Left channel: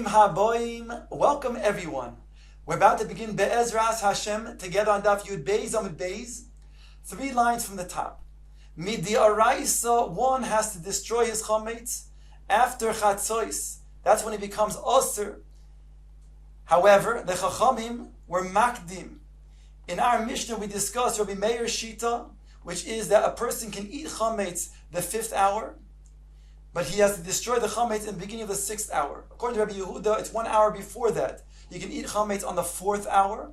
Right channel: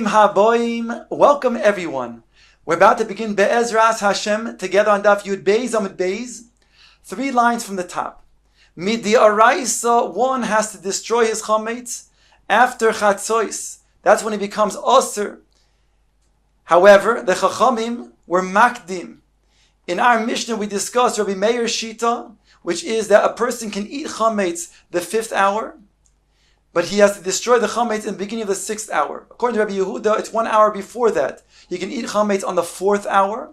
Bruchim Haboim. Welcome everyone. We're about to begin Be'ezras Hashem together on Daf Yud Beis Amud Beis. 3 lines from the top. Midi Araisa, one has to destroy his chametz after Chatzois. That's when he becomes Osir. However, the Chachamim were Makdim. In our Mishnah we discussed Rabbi Meir's Shita, which is that a person can eat chametz the 5th hour, but he has to destroy the chametz in the beginning of the 6th hour. According to Rabbi Yehuda, it's 1 hour before that. He can eat chametz on the 4th hour,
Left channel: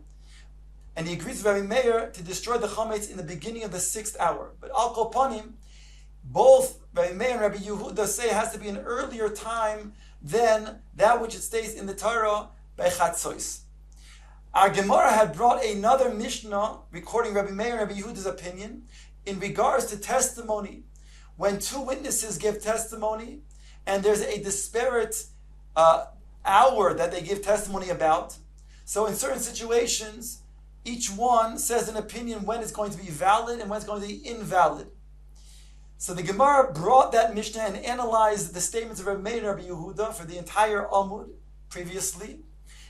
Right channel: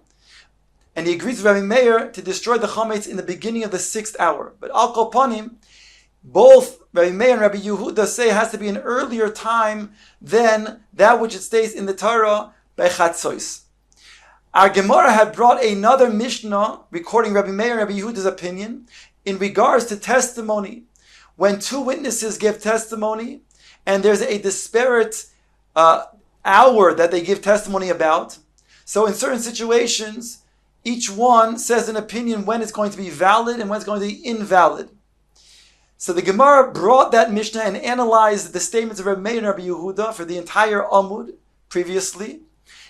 and he agrees with Rabbi Meir to destroy the chametz in the beginning of the 6th hour. But al kol panim, both Rabbi Meir and Rabbi Yehuda say it has to be an earlier time than that which it states in the Torah by Chatzois. Our Gemara had brought another Mishnah recording Rabbi Meir and Rabbi Yehuda's opinion in regards to testimony. When 2 witnesses give testimony and there's a disparate hour that they give testimony about, so in certain situations, each one says an opinion when it's going to be valid and when it's going to be invalid. So the Gemara brought that Mishnah and analyzed the statements of Rabbi Meir and Rabbi Yehuda for the entire Amud previously.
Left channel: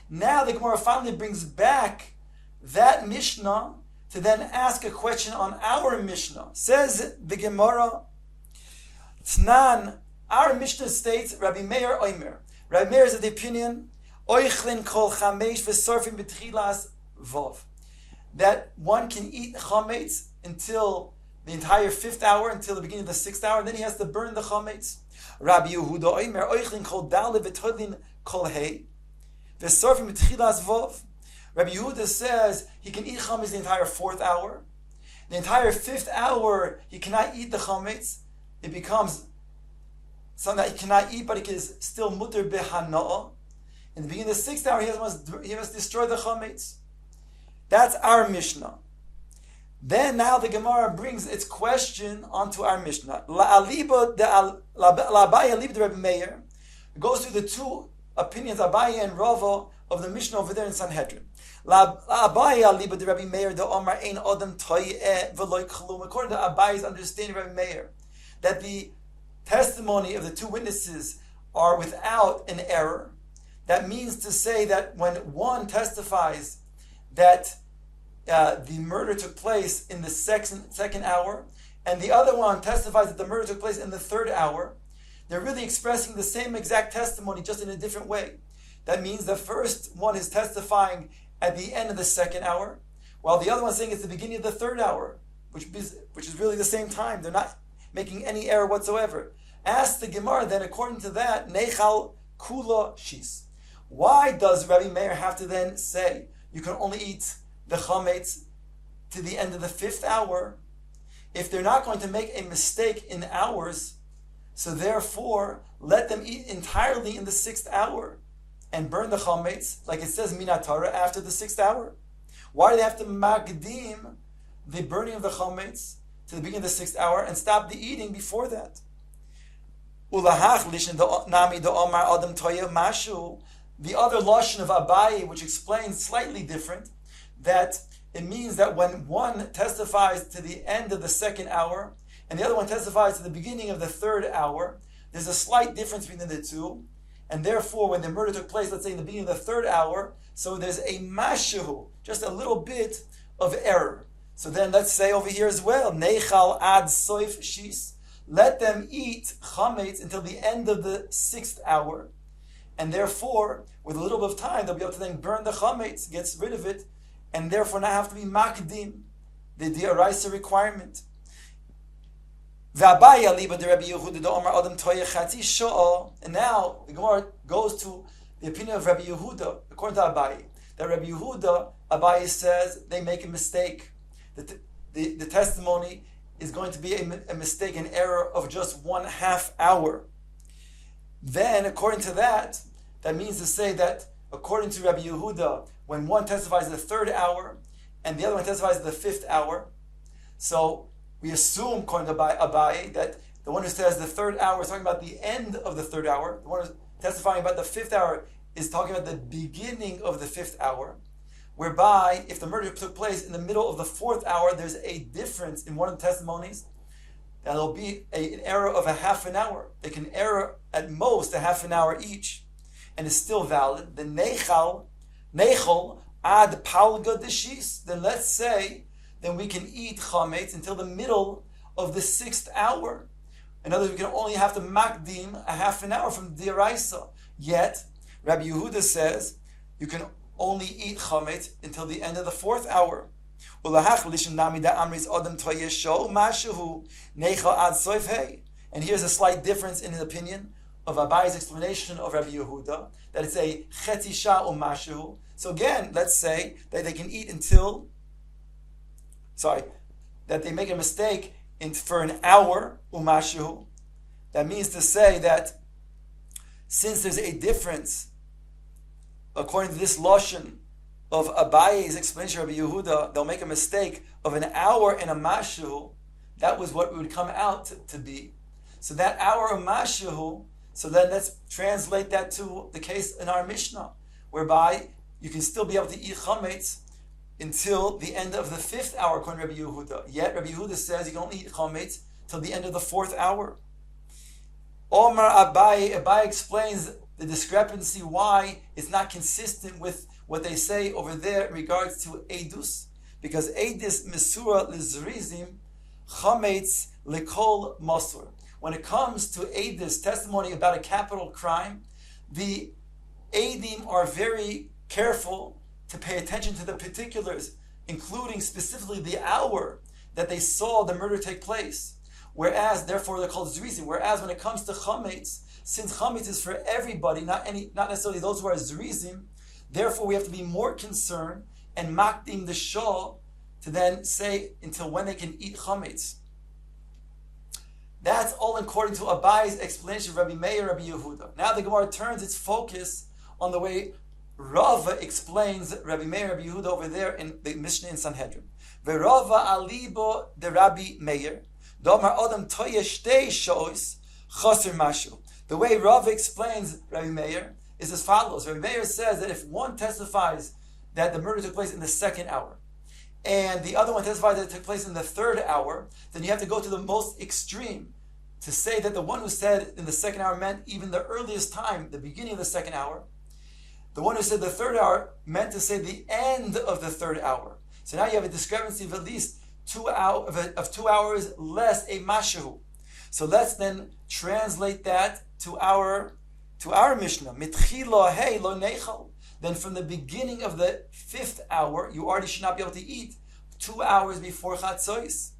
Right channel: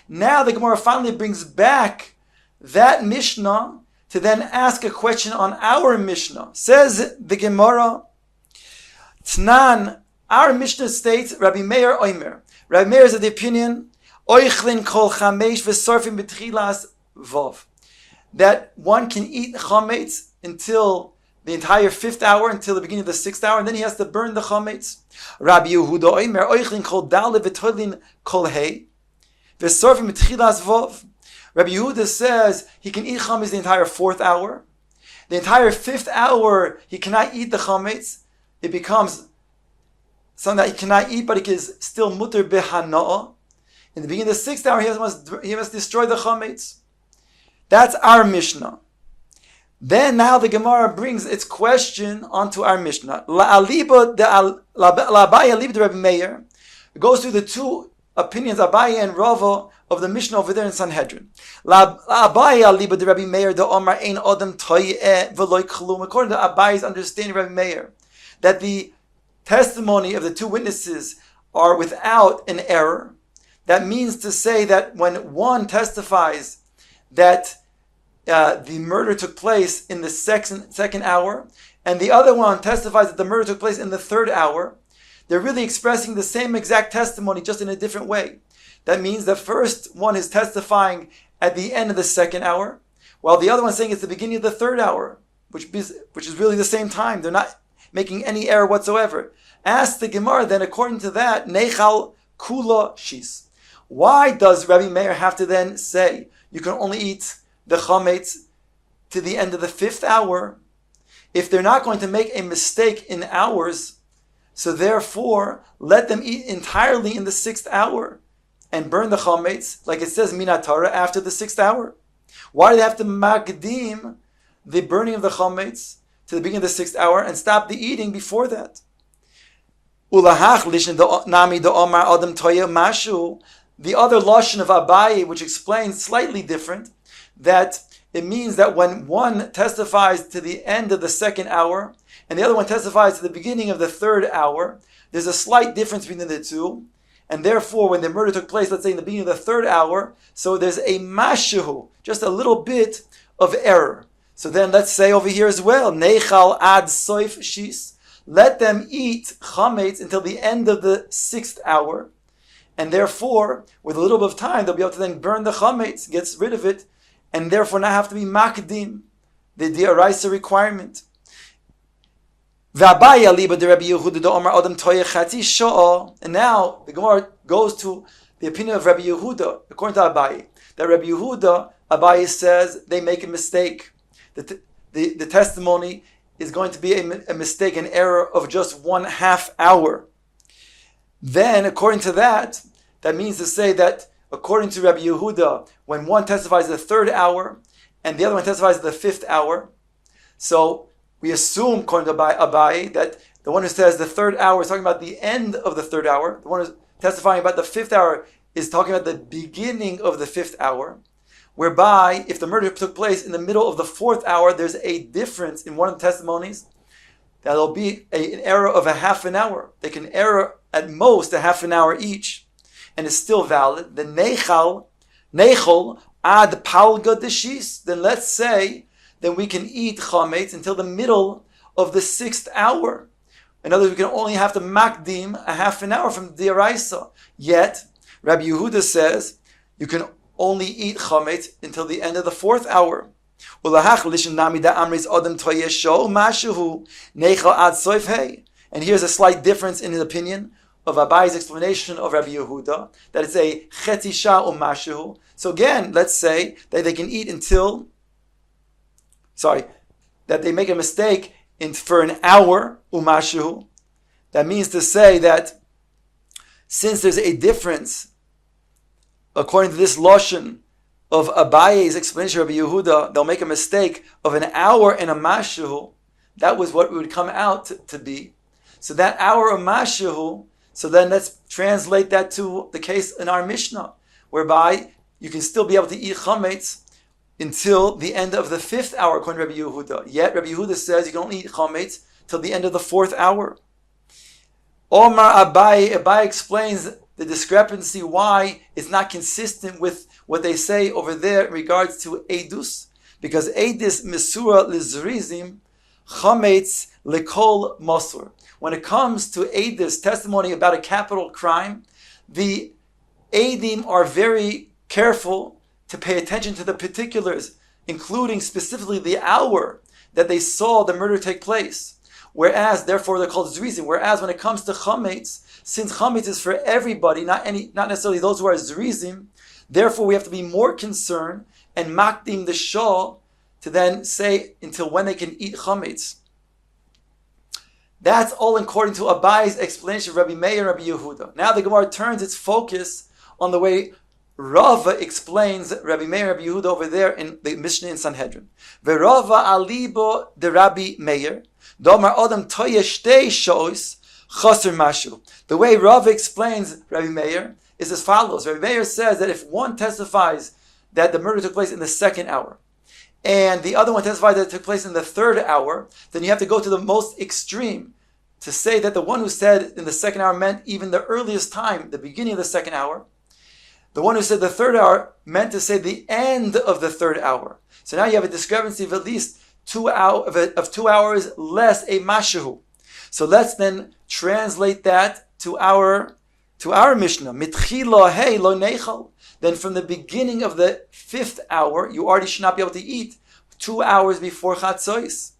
Now the Gemara finally brings back that Mishnah to then ask a question on our Mishnah. Says the Gemara, Tnan, our Mishnah states, Rabbi Meir Oimer. Rabbi Meir is of the opinion, Oichlin kol chamesh v'sorfim b'tchilas vov. That one can eat chametz until the entire 5th hour, until the beginning of the 6th hour, and then he has to burn the chametz. Rabbi Yehuda Oimer, Oichlin kol dale v'toilin kol hei. Rabbi Yehuda says he can eat chametz the entire 4th hour. The entire 5th hour he cannot eat the chametz. It becomes something that he cannot eat, but he is still mutter behana'ah. In the beginning of the 6th hour he must destroy the chametz. That's our Mishnah. Then now the Gemara brings its question onto our Mishnah. La'aliba Abaye aliba de Rabbi Meir. It goes through the 2 opinions, Abaye and Rava, of the Mishnah over there in Sanhedrin. Abaye aliba de Rabbi Meir de Omar ein adam toyeh v'loy klum. According to Abaye's understanding, Rabbi Meir, that the testimony of the 2 witnesses are without an error. That means to say that when one testifies that the murder took place in the second hour, and the other one testifies that the murder took place in the 3rd hour, they're really expressing the same exact testimony, just in a different way. That means the first one is testifying at the end of the 2nd hour, while the other one is saying it's the beginning of the 3rd hour, which is really the same time. They're not making any error whatsoever. Ask the Gemara then, according to that, Nechal Kula Shis. Why does Rabbi Meir have to then say you can only eat the chametz to the end of the 5th hour if they're not going to make a mistake in hours? So therefore, let them eat entirely in the 6th hour and burn the chametz, like it says Minatara, after the 6th hour. Why do they have to magdim the burning of the chametz to the beginning of the 6th hour and stop the eating before that? Ulahach lishin nami the omar adam toya mashu. The other lashon of Abaye, which explains slightly different, that it means that when one testifies to the end of the 2nd hour and the other one testifies to the beginning of the 3rd hour, there's a slight difference between the 2, and therefore when the murder took place, let's say in the beginning of the 3rd hour, so there's a mashu, just a little bit of error. So then let's say over here as well, Nechal ad soif shis. Let them eat chametz until the end of the 6th hour, and therefore, with a little bit of time, they'll be able to then burn the chametz, gets rid of it, and therefore not have to be makdim, the diaraisa requirement. And now the Gemara goes to the opinion of Rabbi Yehuda, according to Abaye, that Rabbi Yehuda, Abaye says they make a mistake. The testimony is going to be a mistake, an error of just 1/2 hour. Then, according to that, that means to say that according to Rabbi Yehuda, when one testifies the 3rd hour and the other one testifies the 5th hour, so we assume, according to Abaye, that the one who says the 3rd hour is talking about the end of the 3rd hour. The one who's testifying about the 5th hour is talking about the beginning of the 5th hour. Whereby, if the murder took place in the middle of the 4th hour, there's a difference in one of the testimonies. That'll be an error of 1/2 hour. They can error at most 1/2 hour each. and is still valid, the nechol ad palga deshis, then let's say then we can eat chametz until the middle of the 6th hour. In other words, we can only have to makdim a half an hour from the deraisa. Yet, Rabbi Yehuda says you can only eat chametz until the end of the 4th hour. And here's a slight difference in his opinion of Abai's explanation of Rabbi Yehuda, that it's a chetisha umashu. So again, let's say that they can eat that they make a mistake for an hour umashu. That means to say that since there's a difference, according to this lashon of Abaye's explanation of Rabbi Yehuda, they'll make a mistake of an hour and a mashu. That was what it would come out to be. So that hour of mashu, so then let's translate that to the case in our Mishnah, whereby you can still be able to eat chametz until the end of the 5th hour, according to Rabbi Yehuda. Yet Rabbi Yehuda says you can only eat chametz till the end of the 4th hour. Omar Abai explains the discrepancy, why it's not consistent with what they say over there in regards to edus, because edus mesura lizrizim chametz lekol masur. When it comes to edus, testimony about a capital crime, the edim are very careful to pay attention to the particulars, including specifically the hour that they saw the murder take place. Whereas, therefore, they're called zrizim. Whereas, when it comes to chametz, since chametz is for everybody, not necessarily those who are zrizim, therefore we have to be more concerned and makdim the shah to then say until when they can eat chametz. That's all according to Abai's explanation of Rabbi Meir and Rabbi Yehuda. Now the Gemara turns its focus on the way Rava explains Rabbi Meir and Rabbi Yehuda over there in the Mishnah in Sanhedrin. Verava alibo de Rabbi Meir, domar odam toye shtei shois chaser mashu. The way Rava explains Rabbi Meir is as follows. Rabbi Meir says that if one testifies that the murder took place in the 2nd hour, and the other one testifies that it took place in the 3rd hour, then you have to go to the most extreme to say that the one who said in the 2nd hour meant even the earliest time, the beginning of the 2nd hour. The one who said the 3rd hour meant to say the end of the 3rd hour. So now you have a discrepancy of at least 2 hours less a mashahu. So let's then translate that to our Mishnah. Mitchila hey lo nechal. Then from the beginning of the 5th hour, you already should not be able to eat 2 hours before Chatzois.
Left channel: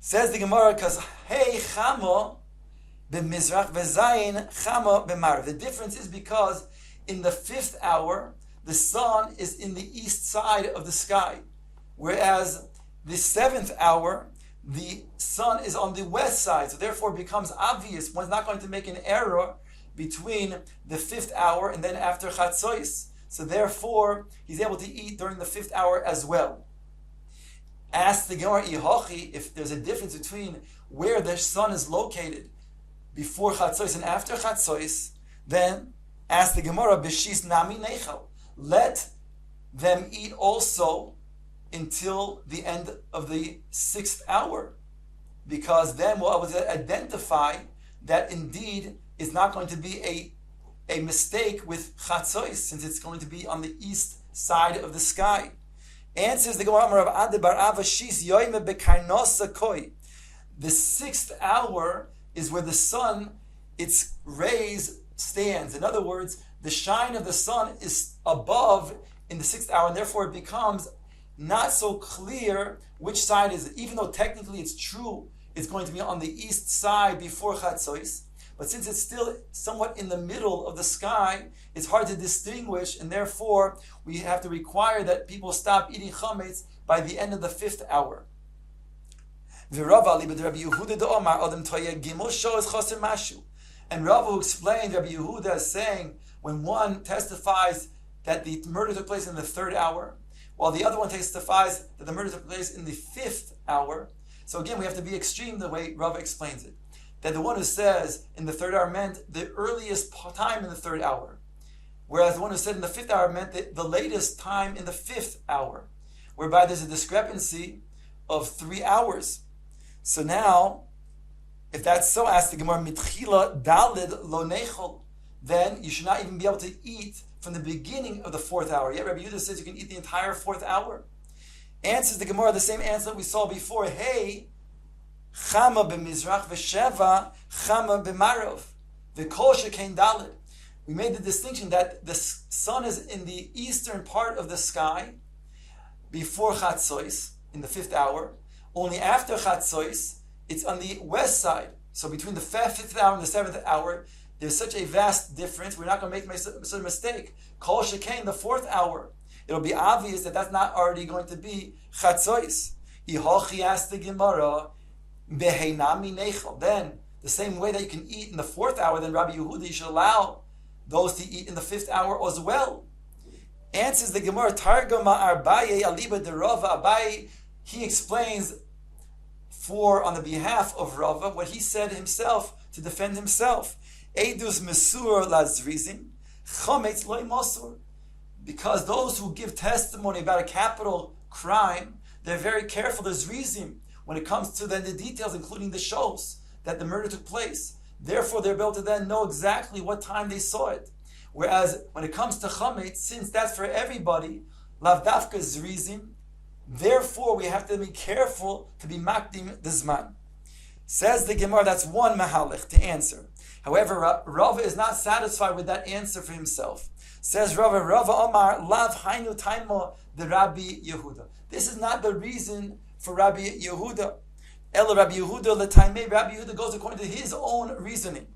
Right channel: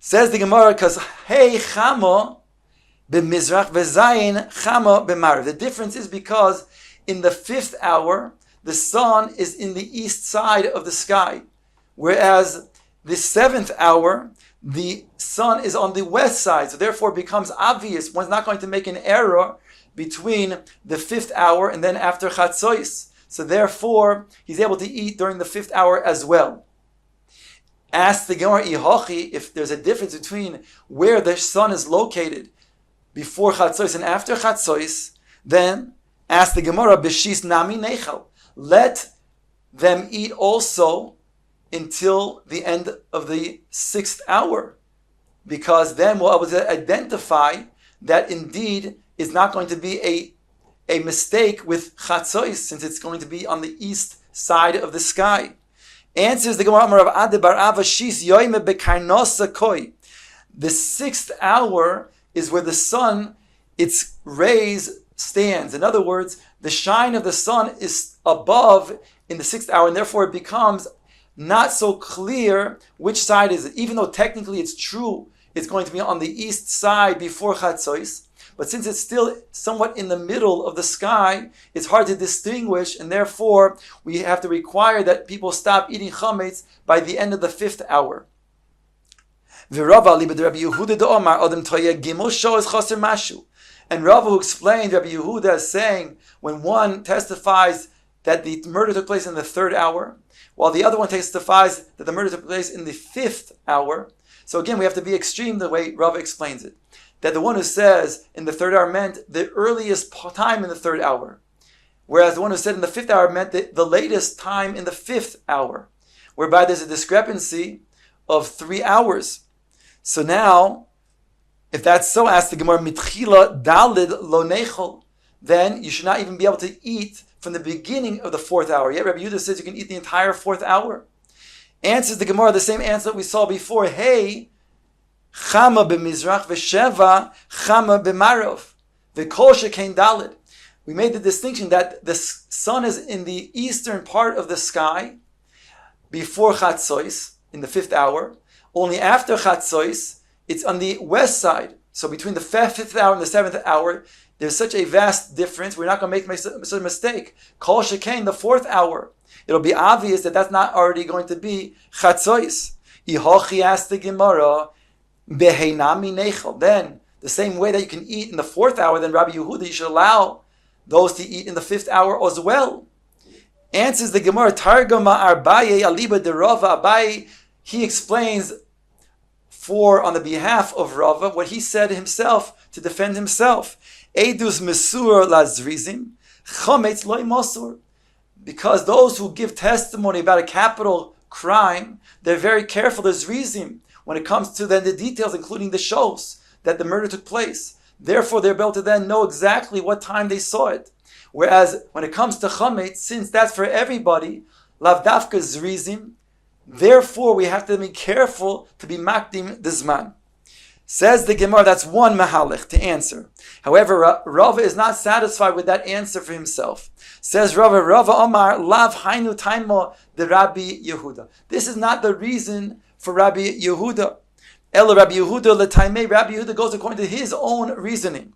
Says the Gemara, because hey chama b'mizrach v'zayin chama b'marav. The difference is because in the 5th hour, the sun is in the east side of the sky, whereas the 7th hour, the sun is on the west side. So therefore it becomes obvious, one's not going to make an error between the 5th hour and then after Chatzois. So therefore, he's able to eat during the 5th hour as well. Ask the Gemara Ihochi if there's a difference between where the sun is located before Chatzois and after Chatzois, then ask the Gemara B'shis nami nechal. Let them eat also until the end of the 6th hour, because then we'll be able to identify that indeed is not going to be a mistake with Chatzois, since it's going to be on the east side of the sky. Answers the Gemara of Ade bar Ava Shis Yoime Bekarnosa Koi. The 6th hour is where the sun, its rays stands. In other words, the shine of the sun is above in the 6th hour, and therefore it becomes not so clear which side is it. Even though technically it's true, it's going to be on the east side before Chatzois. But since it's still somewhat in the middle of the sky, it's hard to distinguish, and therefore we have to require that people stop eating chametz by the end of the 5th hour. And Rava, who explained Rabbi Yehuda as saying, when one testifies that the murder took place in the 3rd hour, while the other one testifies that the murder took place in the 5th hour. So again, we have to be extreme the way Rava explains it. That the one who says in the 3rd hour meant the earliest time in the 3rd hour, whereas the one who said in the 5th hour meant the latest time in the 5th hour, whereby there's a discrepancy of 3 hours. So now, if that's so, ask the Gemara, Mitchila dalid lo nechol. then you should not even be able to eat from the beginning of the fourth hour. Yet Rabbi Yehuda says you can eat the entire fourth hour. Answers the Gemara the same answer that we saw before. Hey, chama b'mizrach v'sheva chama b'marov v'kol shekein dalid. We made the distinction that the sun is in the eastern part of the sky before Chatzois, in the fifth hour. Only after Chatzois, it's on the west side. So between the fifth hour and the seventh hour, there's such a vast difference. We're not going to make such a mistake. Kol shekain, the fourth hour, it'll be obvious that that's not already going to be Chatzois. Ihochi asked the Gemara, Beheinami nechel. Then, the same way that you can eat in the fourth hour, then Rabbi Yehuda, you should allow those to eat in the fifth hour as well. Answers the Gemara, Targama Arbaye Aliba de Rava. Abaye, he explains on the behalf of Rava what he said himself to defend himself. Edus Mesur Lazrizim, Chometz Loi Mosur. Because those who give testimony about a capital crime, they're very careful. There's Rizim when it comes to then the details, including the shows that the murder took place. Therefore, they're able to then know exactly what time they saw it. Whereas when it comes to Chometz, since that's for everybody, Lavdafka Zrizim, therefore we have to be careful to be makdim the zman. Says the Gemara, that's one mahalech to answer. However, Rava is not satisfied with that answer for himself. Says Rava Omar, Lav Hainu Taimo the Rabbi Yehuda. This is not the reason for Rabbi Yehuda. Ela Rabbi Yehuda l'taimei. Rabbi Yehuda goes according to his own reasoning.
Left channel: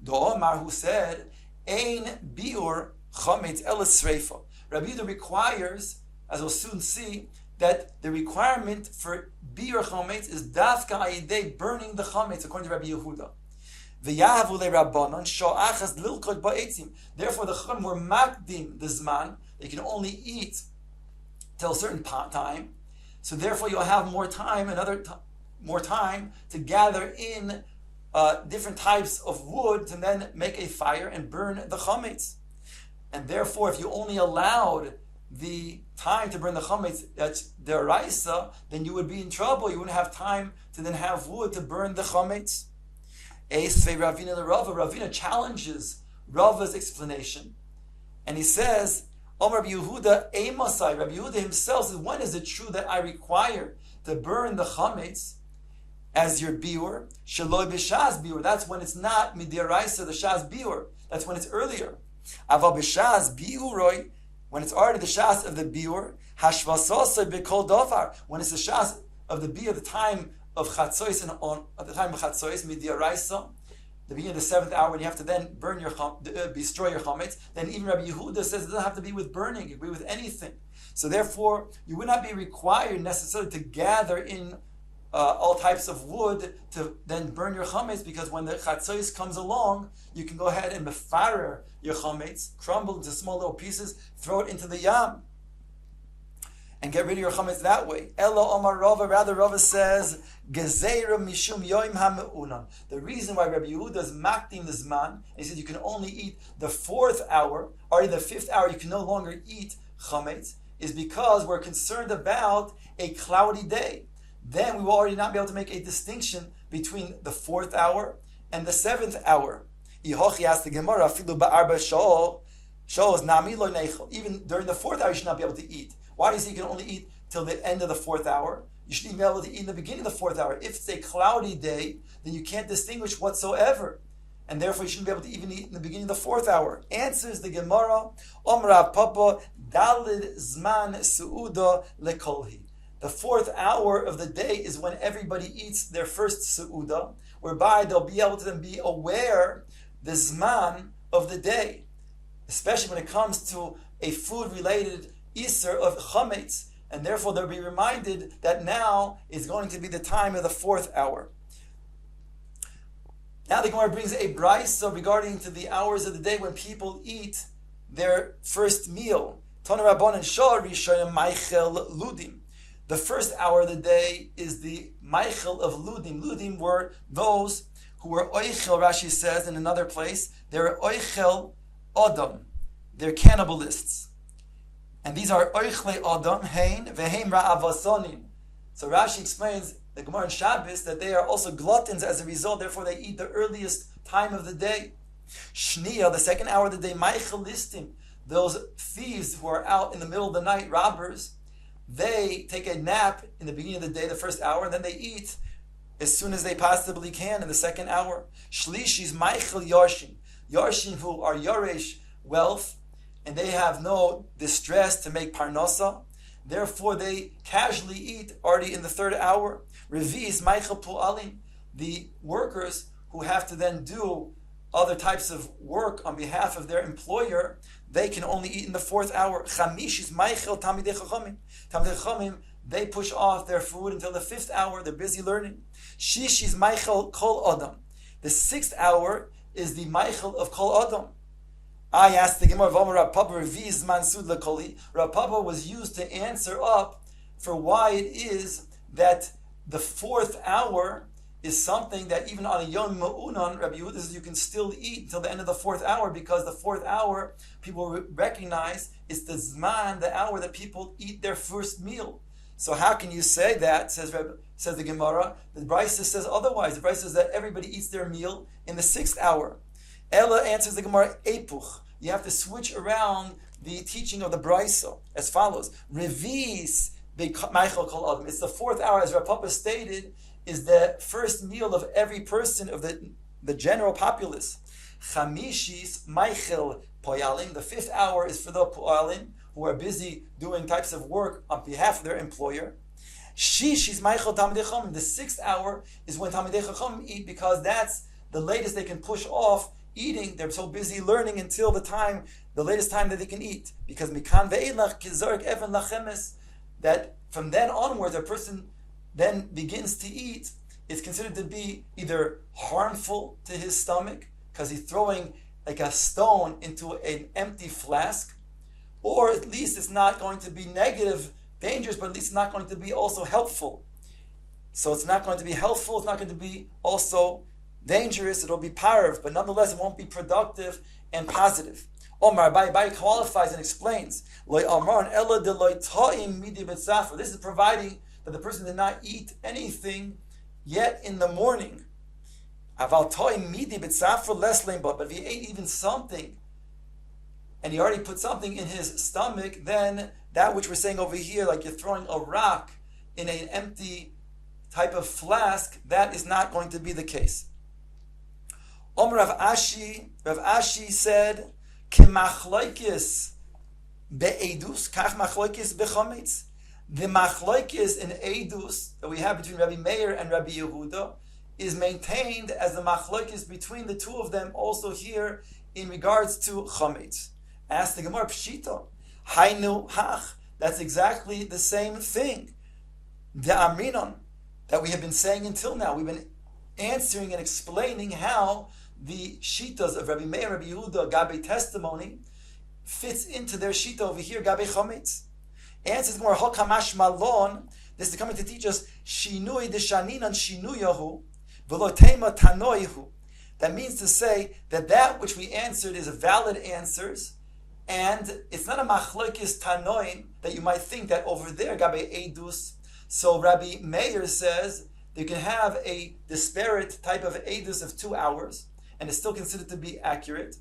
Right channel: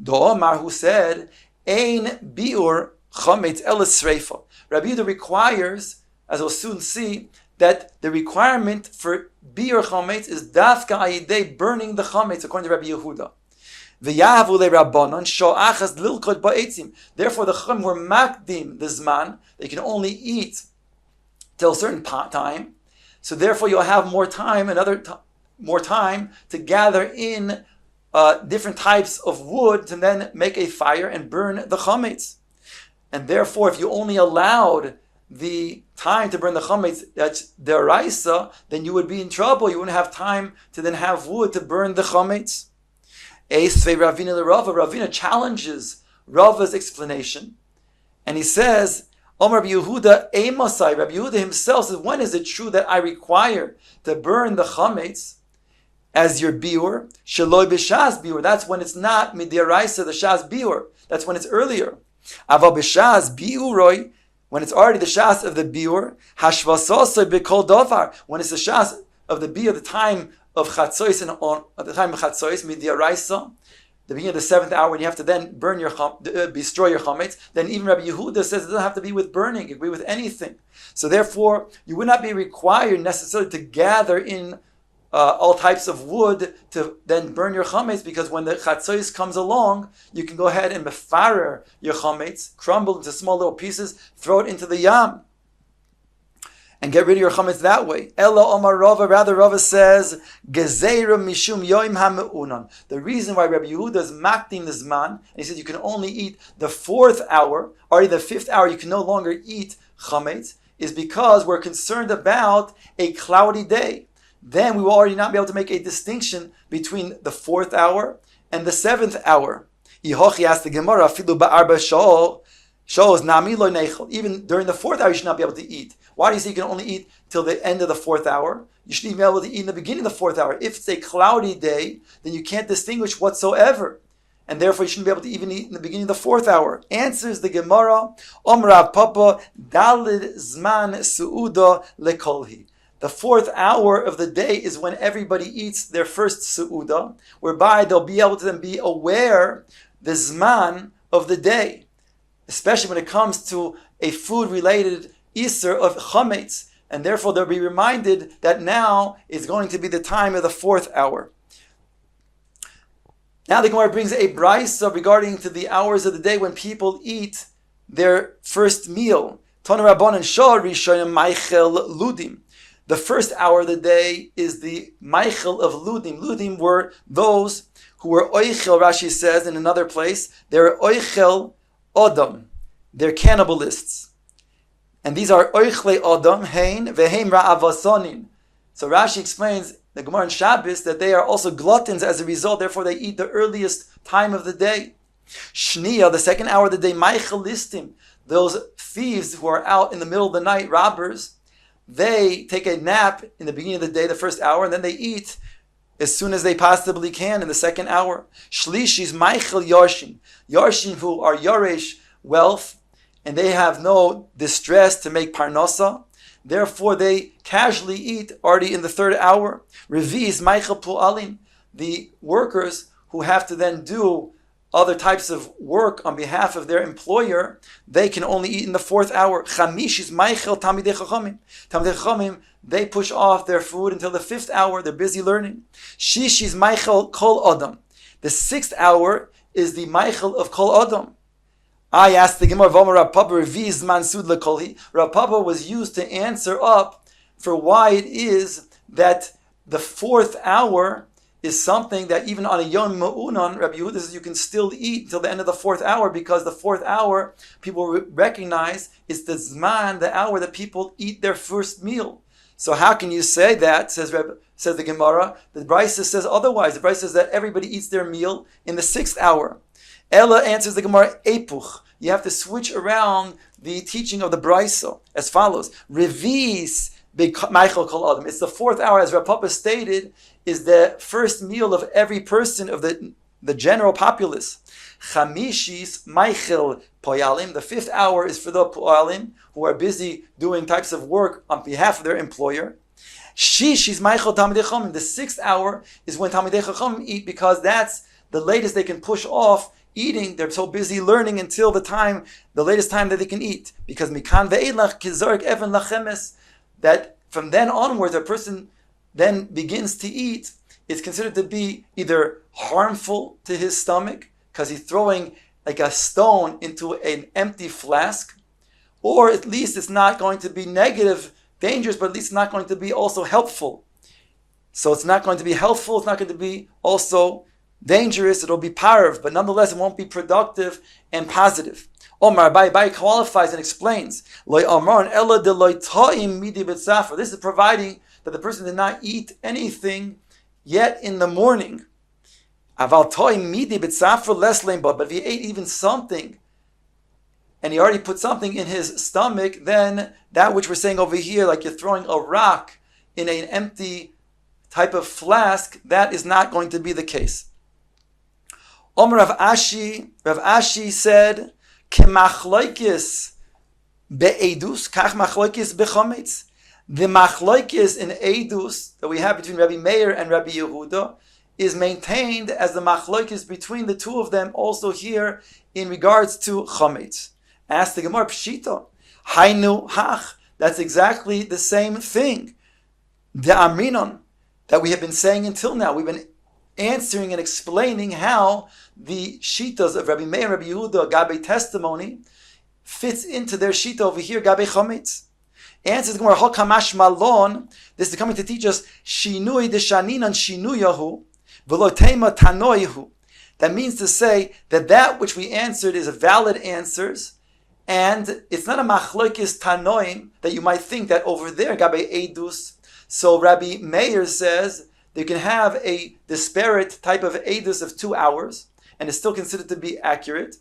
Do Omar, who said, Ein biur chometz ela sreifa. Rabbi Yehuda requires, as we'll soon see, that the requirement for biur chometz is dafka ayidei, burning the chometz, according to Rabbi Yehuda. V'yahavu le'rabbanon sho'achas lilkot ba'etzim. Therefore, the chum were makdim the zman. They can only eat till a certain time. So therefore, you'll have more time, more time to gather in different types of wood to then make a fire and burn the chometz. And therefore, if you only allowed the time to burn the chometz, that's deraisa, then you would be in trouble. You wouldn't have time to then have wood to burn the chometz. Eisvei Ravina l'Rava. Ravina challenges Rava's explanation, and he says, Omar Rabbi Yehuda Eimosai. Rabbi Yehuda himself says, when is it true that I require to burn the chametz as your biur? Sheloi b'shas biur. That's when it's not midiraisa the shas biur. That's when it's earlier. Aval b'shas biuroi, when it's already the shas of the biur. Hashvasosoi b'kol dovar, when it's the shas of the biur, the time of Chatzois, and on at the time of Chatzois, midiraisa, the beginning of the seventh hour, when you have to then burn your destroy your chametz, then even Rabbi Yehuda says it doesn't have to be with burning; it can be with anything. So therefore, you would not be required necessarily to gather in all types of wood to then burn your chametz, because when the Chatzois comes along, you can go ahead and mefarer your chametz, crumble into small little pieces, throw it into the yam, and get rid of your chametz that way. Ella Omar Rava, rather Rava says, Gezeira mishum yoim ha'meunan. The reason why Rabbi Yehuda is makdim the zman, and he says you can only eat the fourth hour, or in the fifth hour you can no longer eat chametz, is because we're concerned about a cloudy day. Then we will already not be able to make a distinction between the fourth hour and the seventh hour. Ihochi asked the Gemara, Filu ba'arba shows nami lo nechel. Even during the fourth hour you should not be able to eat. Why do you say you can only eat till the end of the fourth hour? You shouldn't even be able to eat in the beginning of the fourth hour. If it's a cloudy day, then you can't distinguish whatsoever. And therefore you shouldn't be able to even eat in the beginning of the fourth hour. Answers the Gemara, Omrav Papa, Dalid Zman Su'uda Lekolhi. The fourth hour of the day is when everybody eats their first Su'uda, whereby they'll be able to then be aware the Zman of the day, especially when it comes to a food-related Isser of chametz, and therefore they'll be reminded that now is going to be the time of the fourth hour. Now the Gemara brings a brisa regarding to the hours of the day when people eat their first meal. Tana Rabbanan Shor Rishonim Maichel Ludim. The first hour of the day is the Maichel of Ludim. Ludim were those who were Oichel, Rashi says in another place, they're Oichel Odom. They're cannibalists. And these are oichle odom, hein, veheim ra'avasonin. So Rashi explains, the Gemara in Shabbos, that they are also gluttons as a result, therefore they eat the earliest time of the day. Shniya, the second hour of the day, Maichel Listim, those thieves who are out in the middle of the night, robbers, they take a nap in the beginning of the day, the first hour, and then they eat as soon as they possibly can in the second hour. Shlishis Maichel Yarshin, Yarshin who are Yaresh, wealth, and they have no distress to make parnasa. Therefore, they casually eat already in the third hour. Revis Maichel Pu'alim, the workers who have to then do other types of work on behalf of their employer, they can only eat in the fourth hour. Chamishis Maichel Talmidei Chachamim. Talmidei Chachamim, they push off their food until the fifth hour. They're busy learning. Shishis Maichel Kol Adam. The sixth hour is the Maichel of Kol Adam. I asked the Gemara, Rav Papa Reviz Mansud Lekolhi. Rav Papa was used to answer up for why it is that the fourth hour is something that even on a Yom Ma'unan, Rabbi Yehuda says you can still eat until the end of the fourth hour, because the fourth hour people recognize is the Zman, the hour that people eat their first meal. So how can you say that, says the Gemara? The Brisa says otherwise. The Brisa says that everybody eats their meal in the sixth hour. Ella answers the Gemara, Epuch. You have to switch around the teaching of the Brisa as follows. Revis Maichel Kol Adam. It's the fourth hour, as Rav Papa stated, is the first meal of every person of the general populace. Chamishis Maichel Poyalim. The fifth hour is for the Poyalim who are busy doing types of work on behalf of their employer. Shishis Maichel Talmidei Chachamim. The sixth hour is when Talmidei Chachamim eat, because that's the latest they can push off eating. They're so busy learning until the latest time that they can eat. Because Mikan ve'elach kizarek even lachemes, that from then onwards a person then begins to eat, it's considered to be either harmful to his stomach, because he's throwing like a stone into an empty flask, or at least it's not going to be negative, dangerous, but at least it's not going to be also helpful. So it's not going to be helpful, it's not going to be also dangerous, it'll be parv, but nonetheless it won't be productive and positive. Omar Bai qualifies and explains, this is providing that the person did not eat anything yet in the morning. But if he ate even something, and he already put something in his stomach, then that which we're saying over here, like you're throwing a rock in an empty type of flask, that is not going to be the case. Rav Ashi said, K'machloikis be'edus, kach machloikis bechometz. The machloikis in edus that we have between Rabbi Meir and Rabbi Yehuda is maintained as the machloikis between the two of them also here in regards to chometz. Ask the Gemara, Pshita, hainu hach. That's exactly the same thing. The amrinon that we have been saying until now. We've been answering and explaining how the shitas of Rabbi Meir and Rabbi Yehuda, Gabe testimony, fits into their shita over here, Gabe chometz. Answers the Gemara, Hokamash Malon. This is coming to teach us Shinui Deshaninan Shinuyahu Velotema Tanoihu. That means to say that which we answered is a valid answers, and it's not a machloikis tanoim that you might think that over there Gabe Edus. So Rabbi Meir says you can have a disparate type of Edus of 2 hours, and it's still considered to be accurate.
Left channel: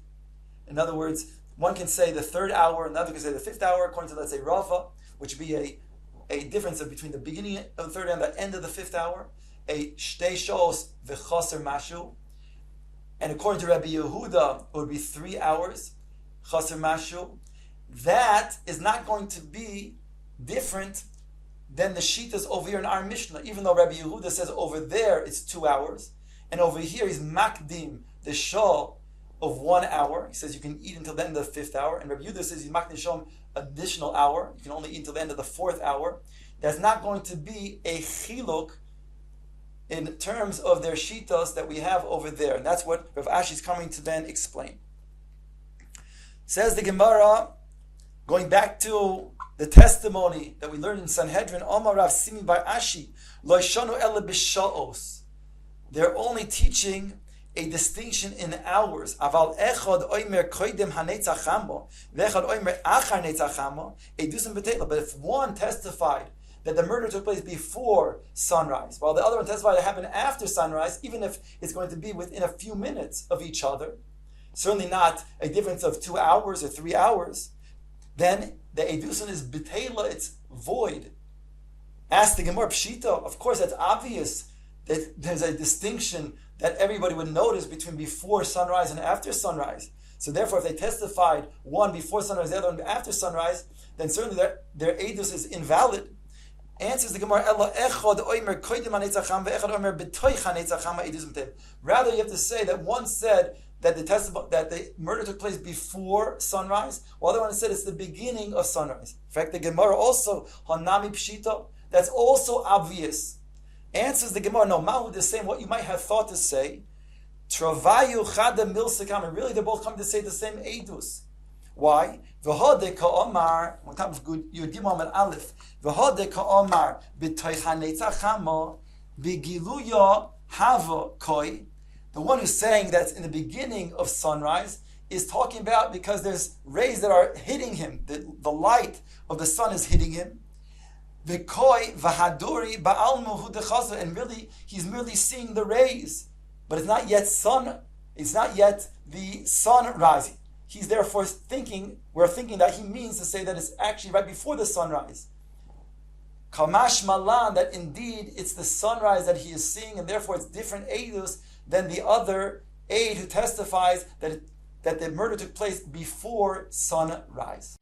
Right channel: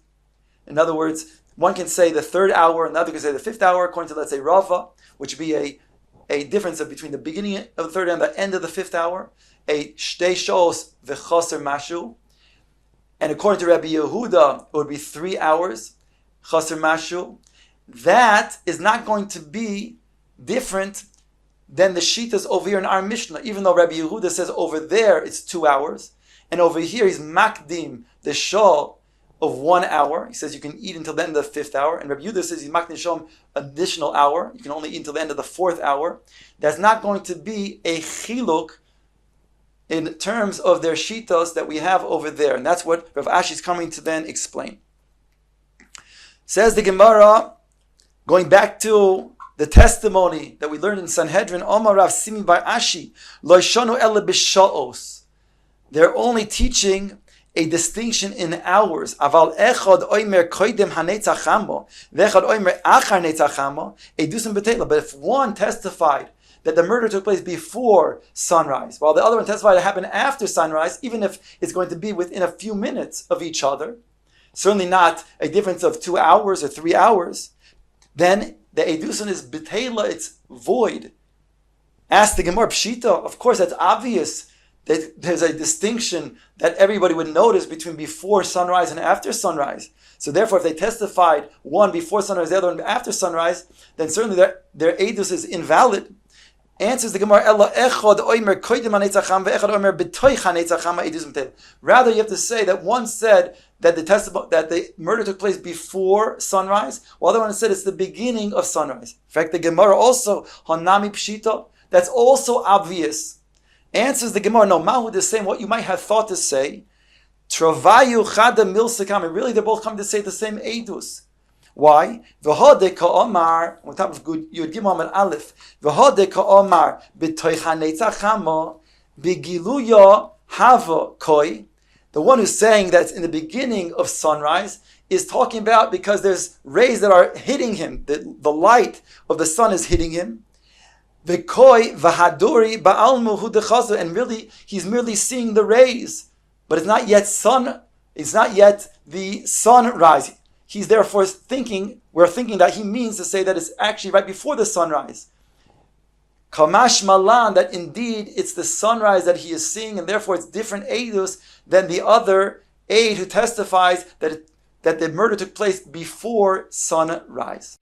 In other words, one can say the third hour, another can say the fifth hour, according to, let's say, Rava, which would be a difference of between the beginning of the third and the end of the fifth hour, a shtei shos v'choser mashu. And according to Rabbi Yehuda, it would be 3 hours, choser mashu. That is not going to be different than the shitas over here in our Mishnah, even though Rabbi Yehuda says over there it's 2 hours, and over here he's makdim the shah of 1 hour. He says you can eat until the end of the fifth hour, and Rabbi Yehuda says he's makdim shom additional hour. You can only eat until the end of the fourth hour. That's not going to be a chiluk in terms of their shitas that we have over there, and that's what Rav Ashi is coming to then explain. Says the Gemara, going back to the testimony that we learned in Sanhedrin, Omar Rav Simi Bar Ashi, Lo shanu ela b'sha'os. They're only teaching a distinction in hours. Aval echad oimer koidem hanetzachamo, vechad oimer achar netzachamo, edusim betela. But if one testified that the murder took place before sunrise, while the other one testified it happened after sunrise, even if it's going to be within a few minutes of each other, certainly not a difference of 2 hours or 3 hours, then the Eidusin is B'teila, it's void. Ask the Gemara Pshita, of course that's obvious that there's a distinction that everybody would notice between before sunrise and after sunrise. So therefore, if they testified one before sunrise, the other one after sunrise, then certainly their Eidus is invalid. Answers the Gemara, rather you have to say that one said that the murder took place before sunrise, while the other one said it's the beginning of sunrise. In fact, the Gemara also, Hanami Pshita, that's also obvious. Answers the Gemara, no, Mahud is saying what you might have thought to say. Travayu Chada Milsakam, and really they're both coming to say the same Eidus. Why? V'hodeh ka'omar, on top of Yud Gimel and Aleph, v'hodeh ka'omar b'toicha netzachama b'giluya hava koi. The one who's saying that in the beginning of sunrise is talking about because there's rays that are hitting him, the light of the sun is hitting him. V'koi v'haduri ba'almu hu dechazu, and really he's merely seeing the rays, but it's not yet sun. It's not yet the sunrise. He's therefore we're thinking that he means to say that it's actually right before the sunrise. Kamash malan, that indeed it's the sunrise that he is seeing, and therefore it's different eidus than the other aid who testifies that the murder took place before sunrise.